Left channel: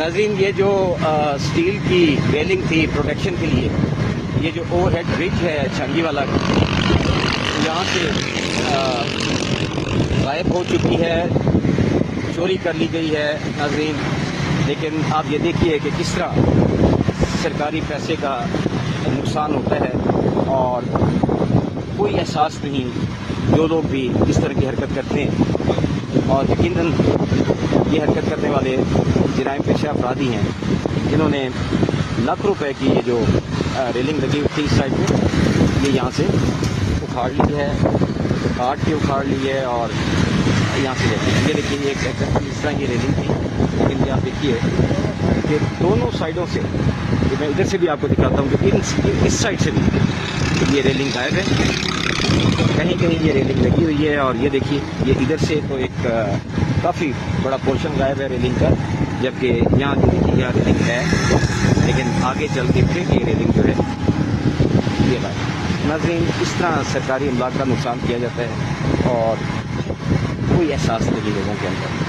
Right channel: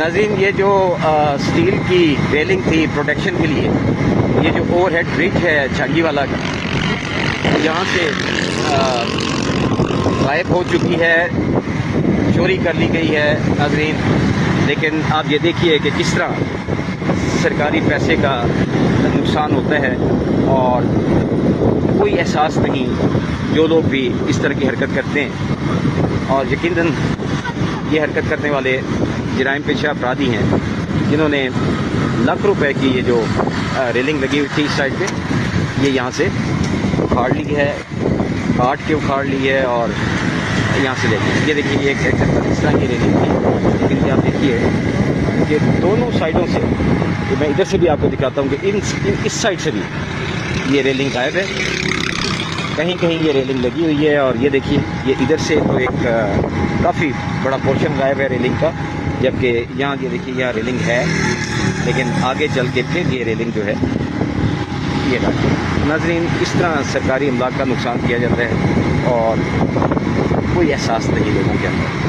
ناظرین یہ جو اسٹیل کی ریلنگ تھی پروٹیکشن کے لیے، یہ جو اوور ہیڈ برج ہے چھانگی والا، یہاں سے غائب ہو چکی ہے، چوری کر لی گئی ہے ناظرین۔ لیکن آپ یہ دیکھیے کہ کس طرح سرکاری پیسے کا نقصان ہوتا ہے اور کوئی احساس نہیں جو لوگ بھی اس طرح کی حرکت کرتے ہیں، اور یقیناً یہ حرکت کرنے والے جرائم پیشہ افرادی ہیں جنہوں نے لاکھ روپے کی یہ جو ریلنگ لگی ہوئی تھی اس سائڈ پہ، یہ یہاں سے اکھاڑ لی ہے، کاٹ کے اکھاڑ لی ہے اور یہاں سے لیتے ہیں۔ یہ دیکھیے یہ ایک اس طرح کی ریلنگ تھی، لیکن یہ آپ دیکھیے کہ دونوں سائڈوں سے، میں ادھر سے بھی آپ کو دکھاتا ہوں کہ اس سائڈ سے بھی یہ ریلنگ غائب ہے، کہیں کہیں یہ ریلنگ لگی ہوئی ہے، اور یہ دیکھیے یہ ادھر سے تو ایک کافی بڑا پورشن غائب ہے ریلنگ کا، جبکہ یہاں یہ دیکھیے یہاں ریلنگ ہے، لیکن آگے چل کے پھر یہ ریلنگ جو ہے یہ غائب۔ ناظرین اس طرح سرکاری املاک کا نقصان کیا جاتا ہے اور کوئی احساس نہیں لوگوں کے اندر۔